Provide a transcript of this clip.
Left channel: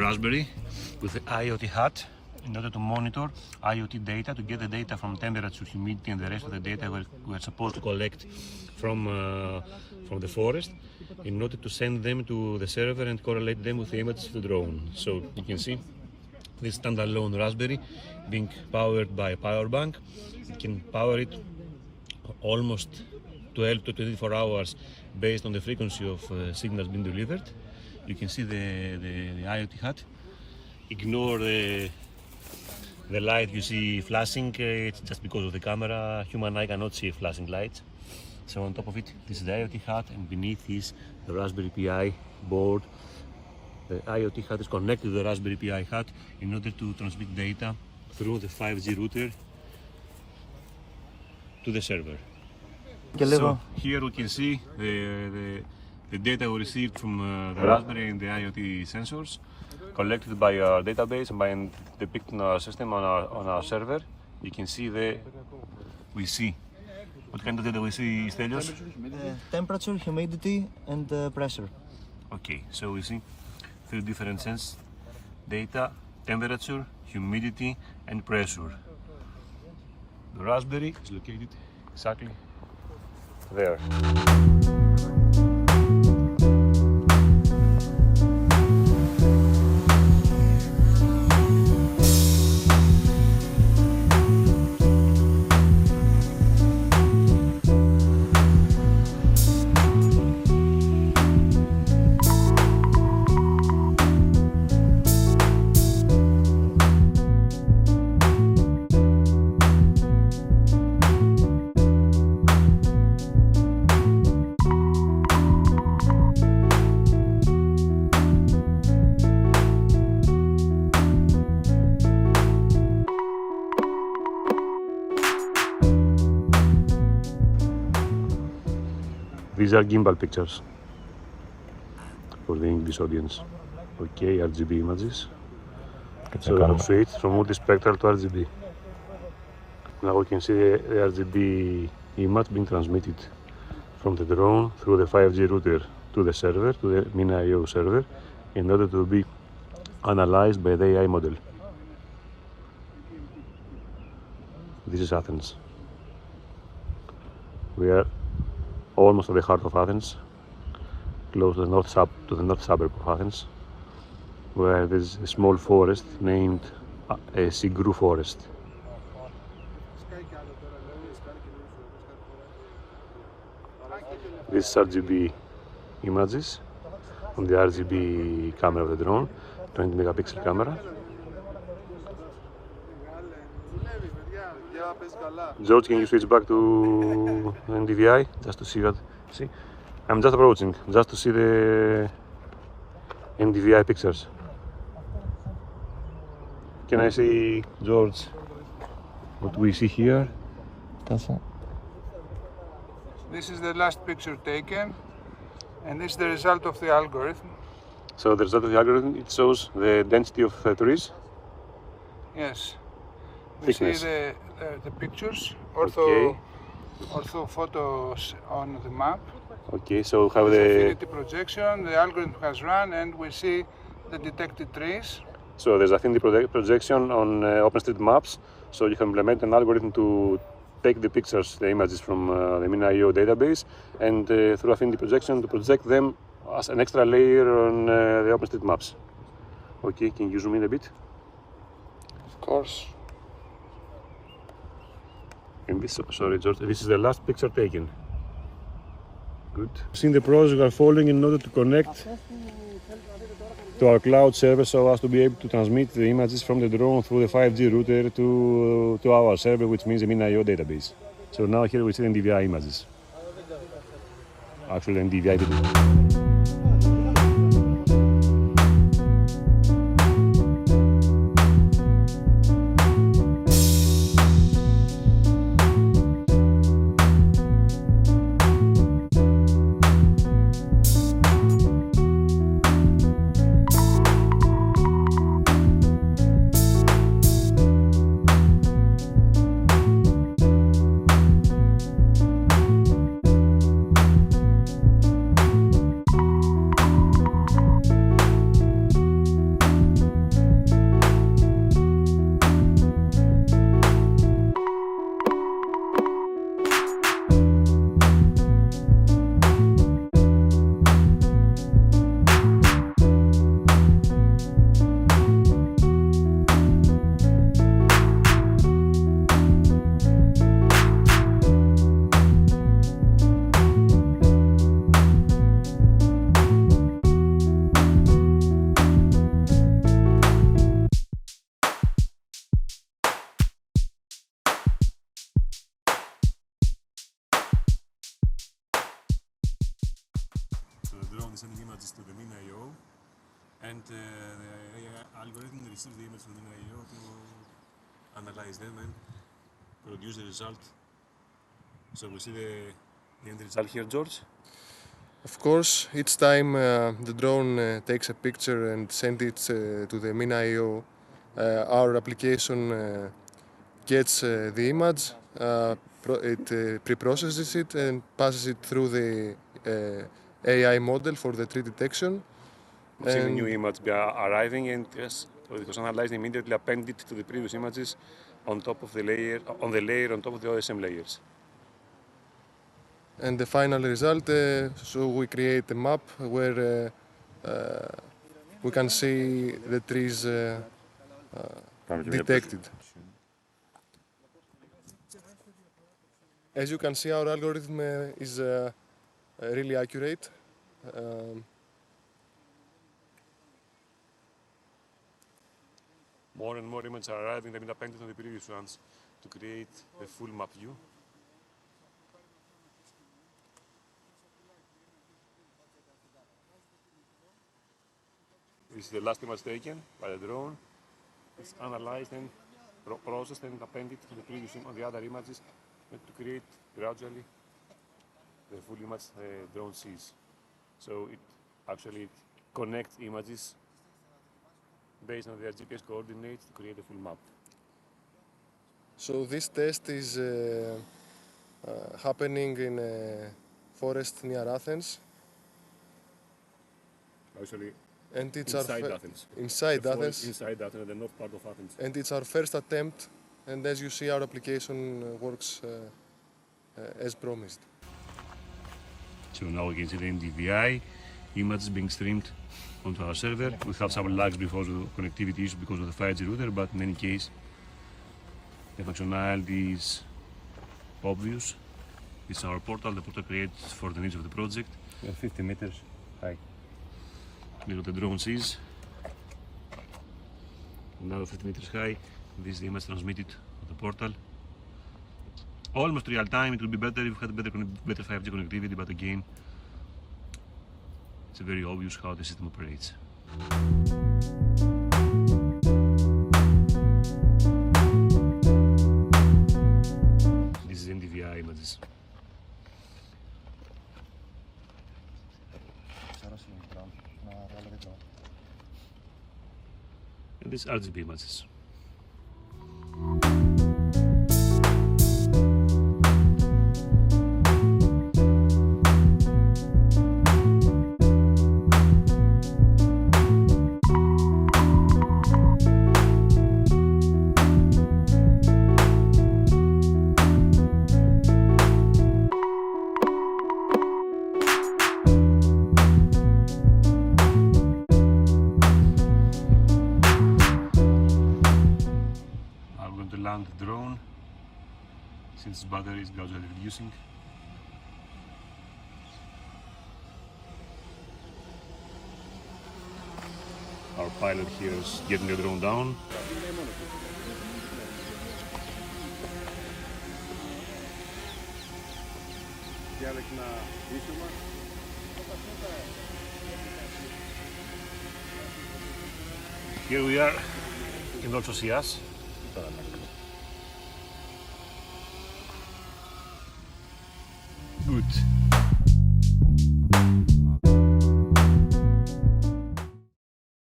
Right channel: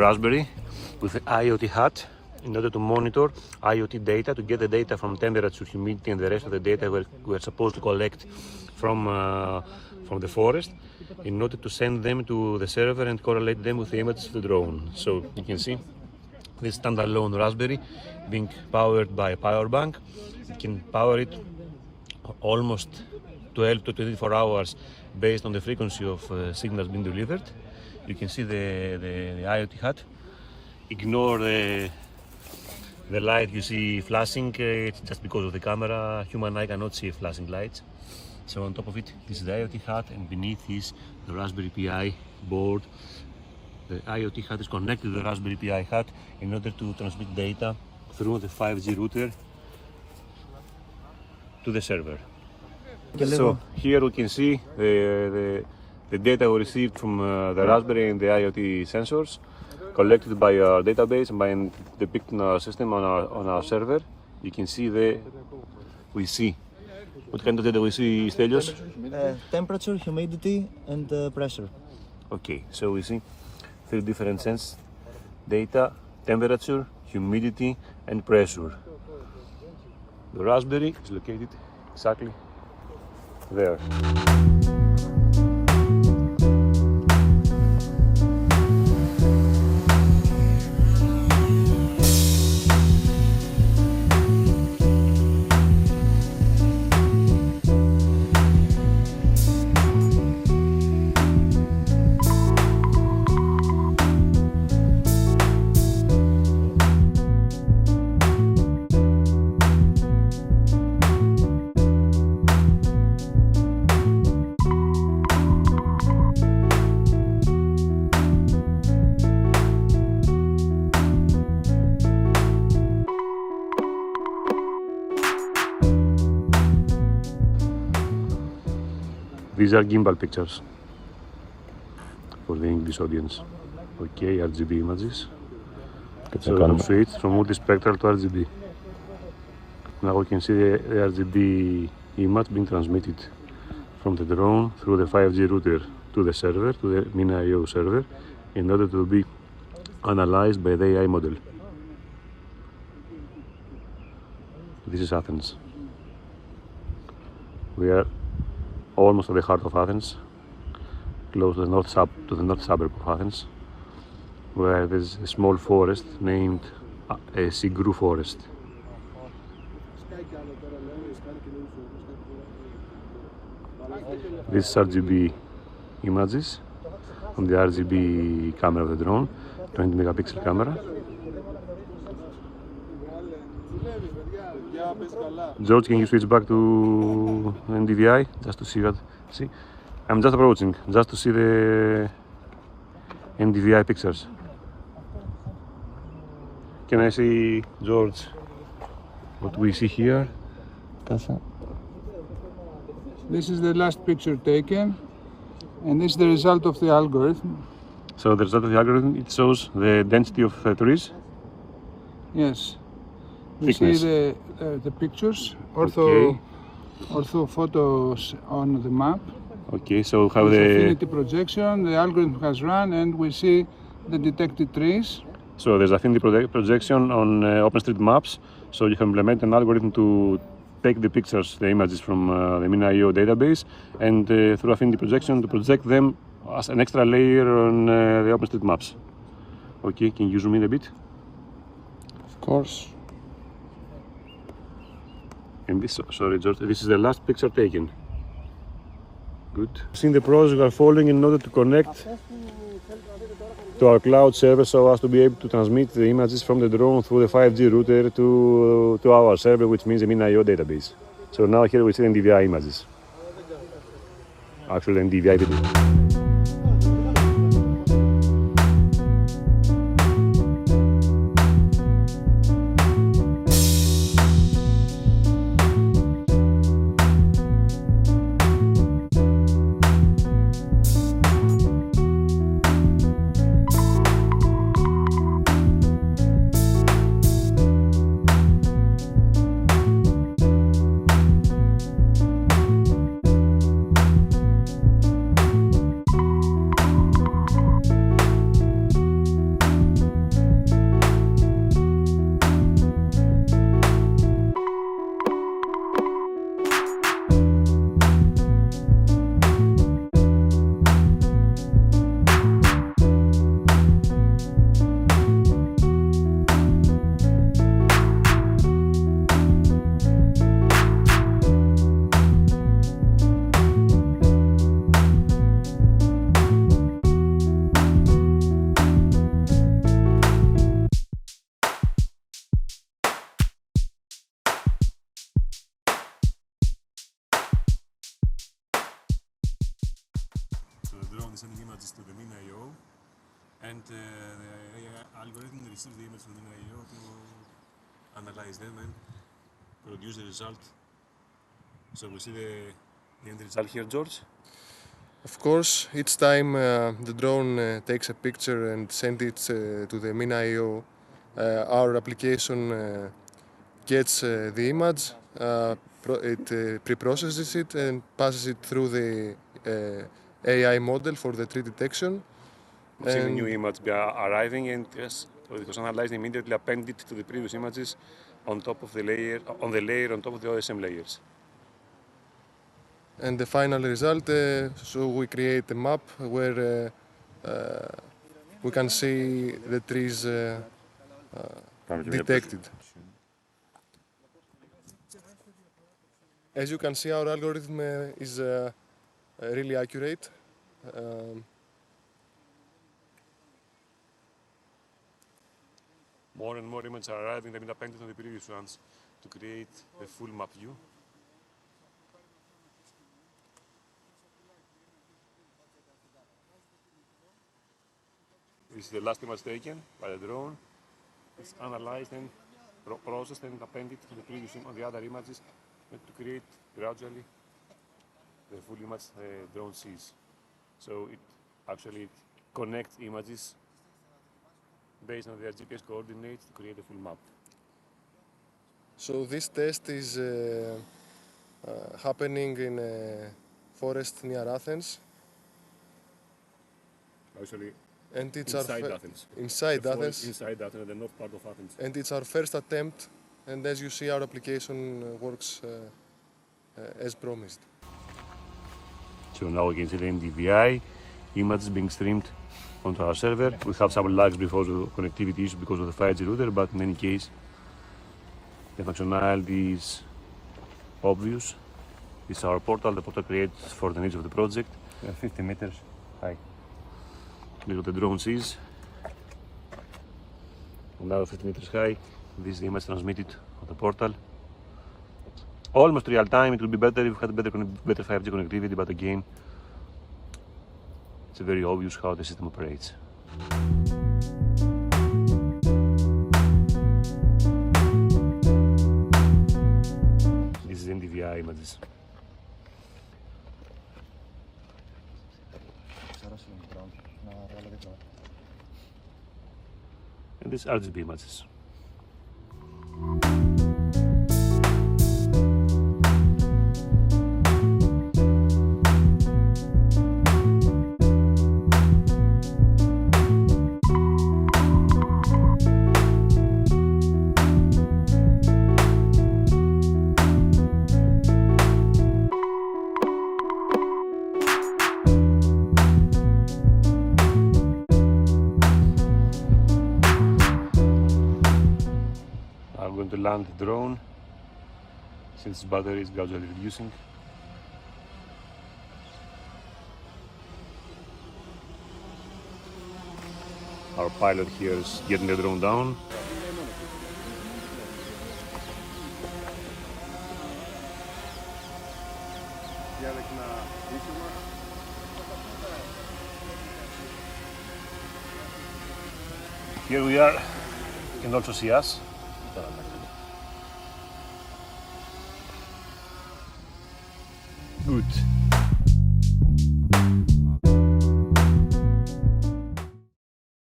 Raspberry with the IoT hat in order to monitor IoT data, to get the data from temperature, humidity, and the rest of the data we're supposed to collect from the forest, in order to send them to the server and correlate them with the images of the drone. So you can see this standalone Raspberry being powered by a power bank. You can power it almost 12 to 24 hours based on the frequency of signals being delivered. You can see the IoT hat. Ignore the light you see flashing, it's just because of the camera. Human eye cannot see flashing lights. So on top of it, this is the IoT hat, and beneath is the Raspberry Pi board. The IoT hat is connected to the Raspberry Pi hat in order to transmit data through the 5G router to the server. So here we can see the data we received from the Raspberry and the IoT sensors, collected by our database and by depicted in our system on our server. You can see we see. What kind of data we see, Stelios? Temperature, humidity, and pressure. Okay, so we see 3 different sense data: temperature, humidity, and pressure. The Raspberry is located exactly there. These are gimbal pictures for the English audience. Okay, RGB images. So we switch from multispectral to RGB. Now we can see the RGB image being transmitted from the drone through the 5G router to the server, to the ImagineIO server, in order to be analyzed by the AI model. This is Athens. We are almost at the heart of Athens, close to the north suburb of Athens, where there's a small forest named a Sigru forest. This is RGB images from the RGB camera of the drone, 20 megapixel camera. George, can you switch back to NDVI just to see that? See, I'm just approaching, just to see the NDVI pictures. Can I see, George, what we see here? This is the last picture taken, and this is the result of the algorithm. So the result of the algorithm, it shows the density of trees? Yes. We see the pictures, ortho photos on the map. Okay, so how with the affinity projection, the algorithm has run, and we see the detected trees. So there's affinity projection on OpenStreetMaps. So you can implement an algorithm to take the pictures, the images from the ImagineIO database, and through affinity projection to project them as an extra layer on the OpenStreetMaps. Okay, can you zoom in a bit? Of course. And this, sorry George, this is the last picture taken. Good. Seeing the process we are following in order to connect to our cloud server, so as to be able to transmit the images from the drone through the 5G router to our server, which means the ImagineIO database. So now here we see NDVI images. Actually NDVI video. sending images to the MinIO, and the algorithm receives the image from the MinIO to analyze them and produce the result. So we see the end result here, George. Of course, each time the drone takes a picture and sends it to the MinIO, our application gets the image, it pre-processes it and passes it through the AI model for the tree detection. We see the new image arriving, and yes, it was analyzed immediately, appended to the previous images on top of the layer, on top of the OSM layers. And the final result, so we create a map where we can see the trees detected. As you can see, our algorithm is really accurate. More and more images are arriving, they've been appended to the previous ones to create a full map view. This is the last image taken by the drone. It's analyzed and processed and appended to the previous on the other images to create gradually the full image the drone sees. So it actually connects images based on their GPS coordinates to create a full map. So this test is happening in a forest near Athens. Actually, And it's inside Athens. Inside the Athens. Inside Athens, the north part of Athens. And it's our first attempt. And as you see, our application works as promised. So now we can see the NDVI images being streamed onto our server. We have some lags because of connectivity issues because of the 5G router, but in any case, the functionality is obvious. It's our portal, the portal created for the needs of the project. We are 50 meters high. This is what the drone sees. Now 50 meters high. This is the image transmitted on the portal. Almost real time. It would be better if we had better 5G connectivity, but again, it's very obvious how the system operates. This is NDVI images. And these RGB images. I'm going to land the drone since battery is gradually reducing. Our pilot here is getting the drone down. Here we are. You can also see us. Good.